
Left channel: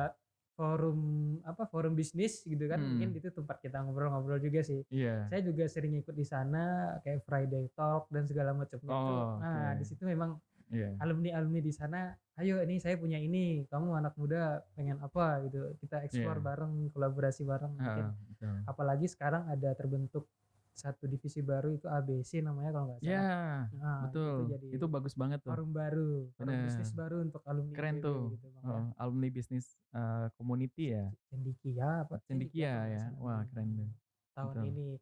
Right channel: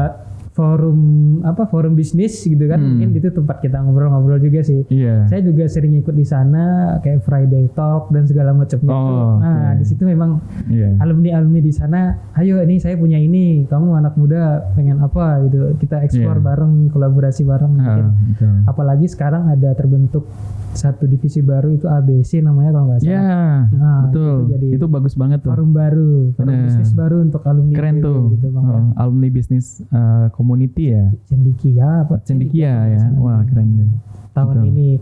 forum bisnis gitu kan. Mungkin itu tempat kita ngobrol-ngobrol juga sih. Iya. Saya juga sering ikut di sana kayak Friday Talk dan segala macamnya. Nah, di situ memang alumni di sana, ayo ini saya punya ini, kamu anak muda pengen apa gitu. Kita explore bareng, kolaborasi bareng mungkin. Apalagi sekarang ada terbentuk satu divisi baru itu ABC namanya kalau nggak salah. Iya, betul. Itu bagus banget tuh. Forum baru, forum bisnis baru untuk alumni. Keren tuh. Gitu, Bang. Alumni bisnis community ya. Cendikia ya. Wah, keren deh. Tahun ini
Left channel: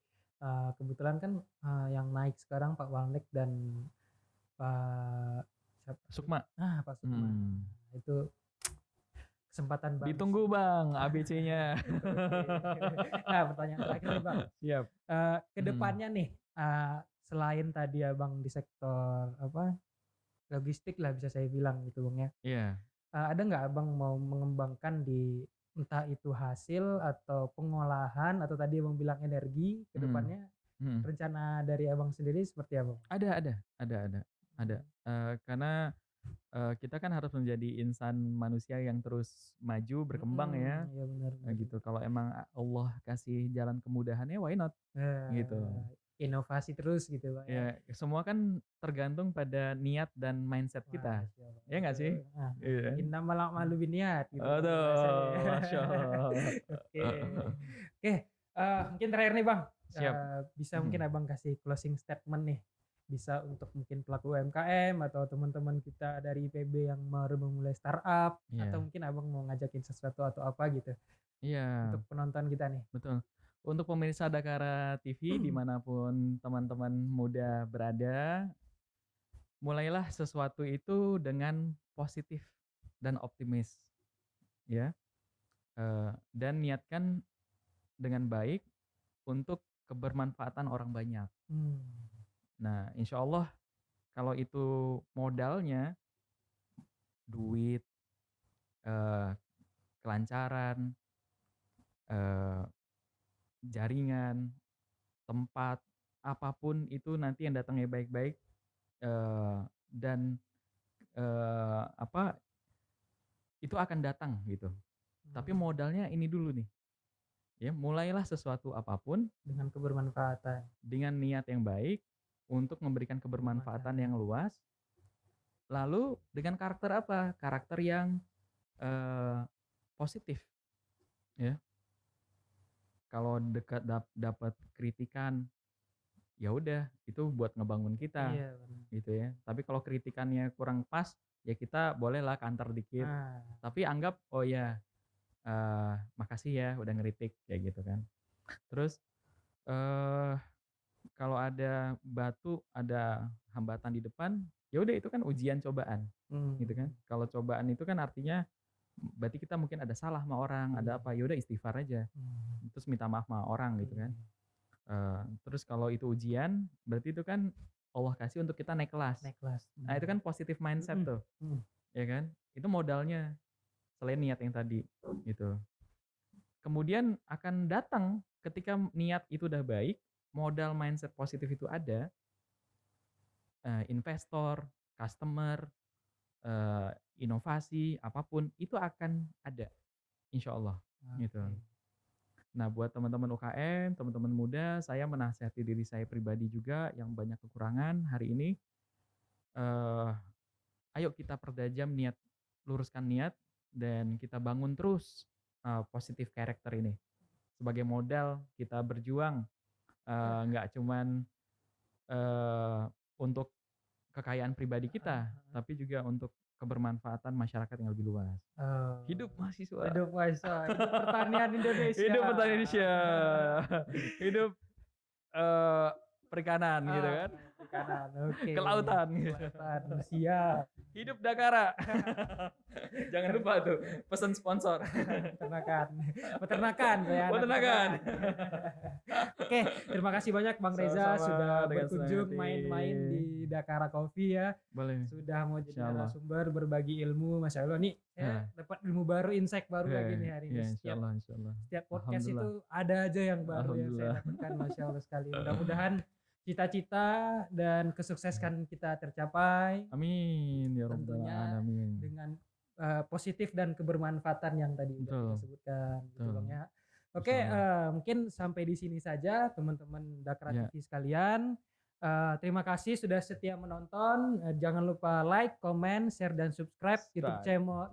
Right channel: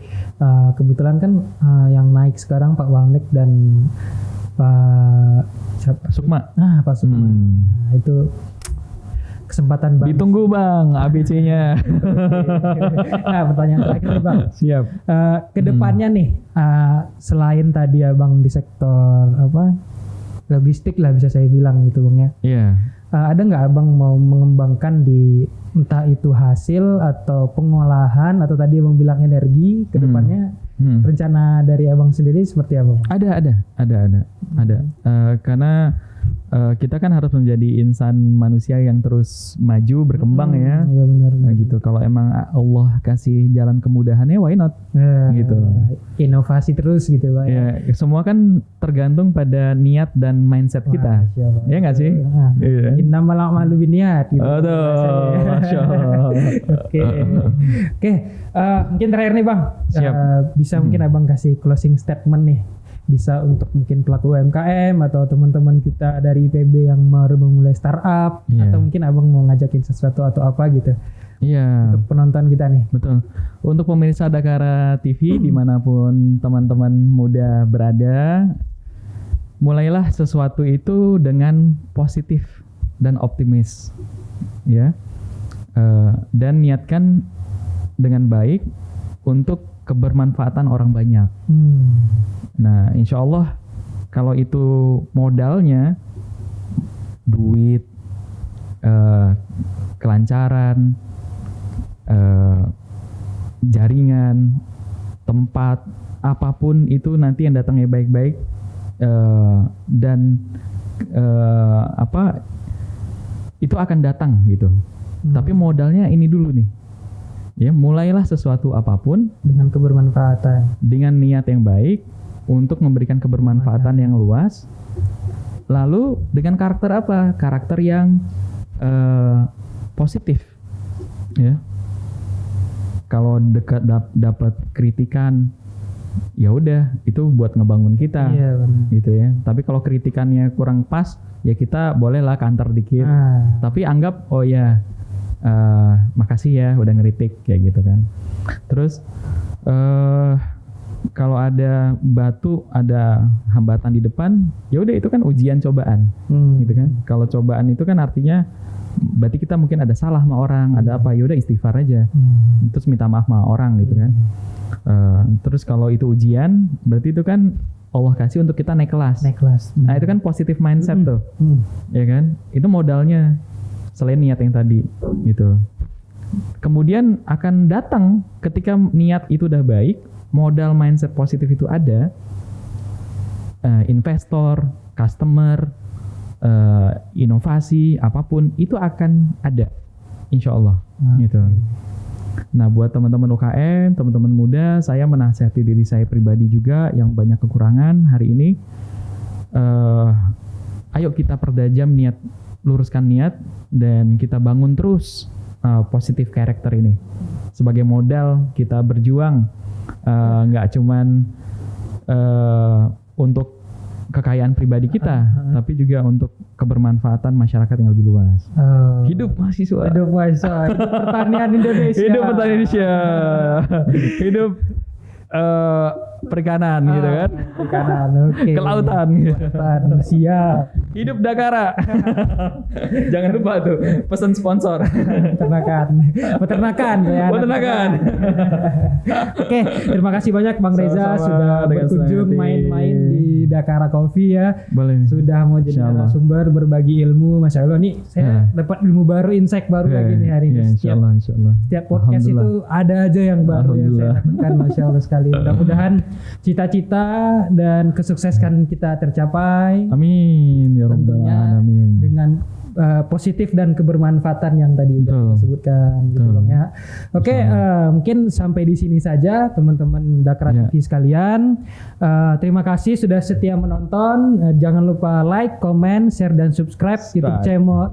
kebetulan kan yang naik sekarang Pak Walnek dan Pak Sukma. Pak Sukma. Nah, itu kesempatan Bang. Ditunggu Bang ABC-nya. Nah, pertanyaan terakhir nih Bang. Siap. Kedepannya nih, selain tadi ya Bang di sektor logistik lah bisa saya bilang gitu Bang ya. Iya. Ada nggak Abang mau mengembangkan di entah itu hasil atau pengolahan atau tadi Abang bilang energi kedepannya? Rencana dari Abang sendiri seperti apa Bang? Ada. Karena kita kan harus menjadi insan manusia yang terus maju berkembang ya. Iya benar. Nah, gitu. Kalau emang Allah kasih jalan kemudahannya, why not? Gitu. Inovasi terus gitu Pak. Ya, semua kan tergantung pada niat dan mindset kita. Ya nggak sih? Iya. Innamal a'malu binniyat gitu. Aduh, Masya Allah. Oke. Mungkin terakhir nih Bang. Siap. Bisa mungkin Abang kasih closing statement nih. Bisa untuk mungkin pelaku UMKM atau teman-teman kita dari IPB yang baru memulai startup, atau mungkin Abang mau ngajakin sesuatu atau apa gitu. Iya. Untuk penonton kita nih. Betul. Untuk pemirsa Dakara TV dimanapun teman-teman muda berada, mulailah sesuatu itu dengan positif dan optimis, ya. Dan niatkan dengan baik untuk kebermanfaatan orang banyak. Nah, insya Allah kalau itu modalnya duit, kelancaran, jaringan, tempat, apapun itu nanti yang datangnya baik-baik, dan itu akan datang gitu. Tapi modalnya ini dulu nih. Ya, mulailah sesuatu apapun dengan kebermanfaatan, dengan niat yang baik untuk memberikan kebermanfaatan yang luas. Lalu dengan karakter apa? Karakter yang positif. Ya. Kalau dapat kritikan, ya udah itu buat ngebangun kita, gitu ya. Tapi kalau kritikannya kurang pas, ya kita bolehlah kantor dikit. Tapi anggap oh ya, makasih ya udah ngeritik kayak gitu kan. Terus kalau ada batu, ada hambatan di depan, ya udah itu kan ujian cobaan, gitu kan. Kalau cobaan itu kan artinya berarti kita mungkin ada salah sama orang, ada apa, ya udah istighfar aja, terus minta maaf sama orang gitu kan. Terus kalau itu ujian, berarti itu kan Allah kasih untuk kita naik kelas. Nah itu kan positive mindset tuh, ya kan. Itu modalnya selain niat yang tadi, gitu. Kemudian akan datang ketika niat itu udah baik, modal mindset positif itu ada, investor, customer, inovasi, apapun itu akan ada, insya Allah, gitu. Nah, buat teman-teman UKM, teman-teman muda, saya menasihati diri saya pribadi juga yang banyak kekurangan hari ini. Ayo kita pertajam niat, luruskan niat, dan kita bangun terus positif karakter ini sebagai modal kita berjuang, nggak cuman untuk kekayaan pribadi kita, tapi juga untuk kebermanfaatan masyarakat yang lebih luas. Hidup mahasiswa. Hidup mahasiswa. Hidup pertanian Indonesia. Hidup pertanian Indonesia. Hidup perikanan gitu kan. Perikanan, oke. Kelautan. Kelautan, siap. Hidup Dakara. Jangan lupa tuh pesan sponsor. Peternakan ya. Peternakan. Oke, terima kasih banyak Bang Reza sudah berkunjung main-main di Dakara Coffee ya. Boleh. Sudah mau jadi narasumber, berbagi ilmu. Masya Allah nih saya dapat ilmu baru, insight baru lagi nih hari ini. Insya Allah. Setiap podcast itu ada aja yang baru yang saya dapatkan. Masya Allah sekali. Mudah-mudahan cita-cita dan kesuksesan kita tercapai. Amin ya rabbal alamin. Dengan positif dan kebermanfaatan yang tadi sudah disebutkan gitu Bang ya. Oke, mungkin sampai di sini saja teman-teman Dakara TV sekalian. Terima kasih sudah setia menonton. Jangan lupa like, comment, share dan subscribe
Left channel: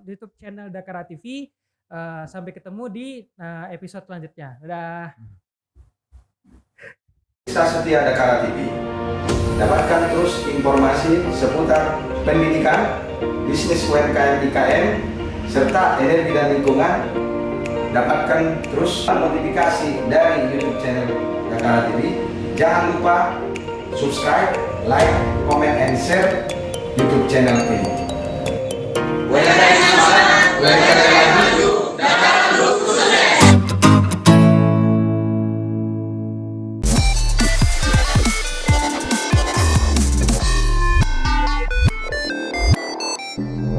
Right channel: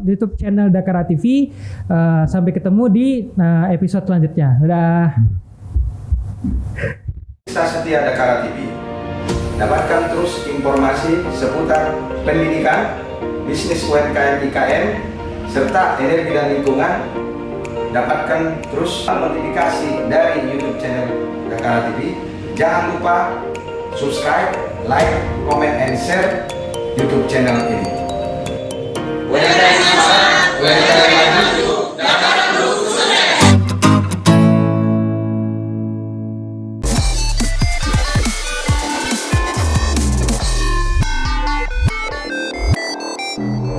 YouTube channel Dakara TV. Sampai ketemu di episode selanjutnya. Dadah. Bisa setia Dakara TV. Dapatkan terus informasi seputar pendidikan, bisnis UMKM IKM, serta energi dan lingkungan. Dapatkan terus notifikasi dari YouTube channel Dakara TV. Jangan lupa subscribe, like, comment, and share YouTube channel ini.